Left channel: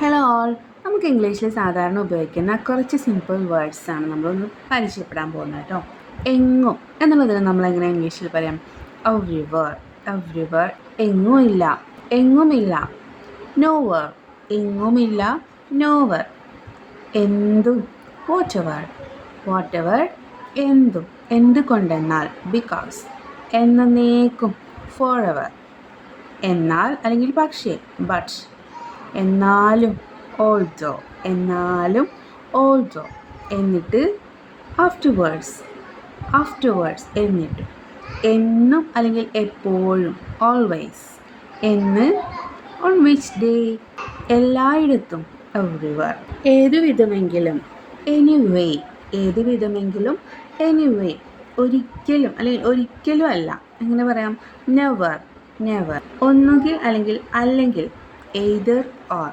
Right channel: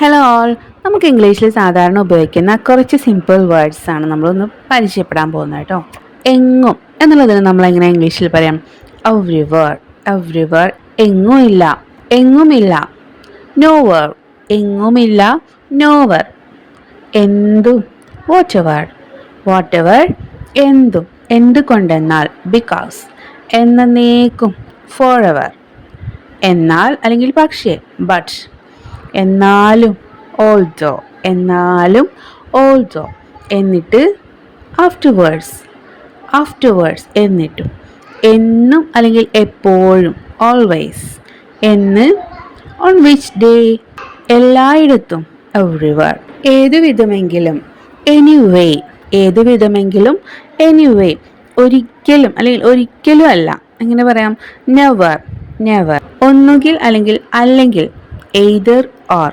Hello all, നമുക്ക് ഇംഗ്ലീഷിൽ സാധാരണ ഉപയോഗിക്കുന്ന കുറച്ച് സിമ്പിൾ വേർഡ്സ് ആണ് നമ്മളൊന്ന് പരിചയപ്പെടാൻ പോകുന്നത് കേട്ടോ. എങ്ങും എന്നുള്ളതിന് നമ്മൾ എങ്ങനെ ഇംഗ്ലീഷിൽ പറയാം? എവ്രിവർ. എവ്രിവർ എങ്ങുമില്ല, എങ്ങുമില്ല. നോവർ എങ്ങുമില്ല, നോവർ. എന്തും വാട്ടെവർ, വാട്ടെവർ എന്തും. എന്തുകൊണ്ടെന്നാൽ ബിക്കോസ്. എന്നേക്കും ഫോറെവർ. എന്നാൽ അല്ലെങ്കിൽ പക്ഷേ ബട്ട്. എന്നാലും ഓൾസോ, എന്നാലും ഓൾസോ. എന്നിട്ട് ആഫ്റ്റർവേർഡ്സ്, ആഫ്റ്റർവേർഡ്സ് എന്നിട്ടും. എന്നും അല്ലെങ്കിൽ എപ്പോഴും ഓൾവേസ്. എന്ന് ഓൺ വിച്ച് ഡേ എല്ലായിടത്തും എവ്രിവർ. ഏതുവിധമെങ്കിലും എനിവേ, ഏതുവിധമെങ്കിലും എനിവേ. ഒരിക്കലും അല്ലെങ്കിൽ ഒരിക്കലും അല്ല, എങ്ങനെ പറയാം? Never, never. ഒന്നുകിൽ അല്ലെങ്കിൽ അല്ലെങ്കിൽ എയ്തർ ഓർ.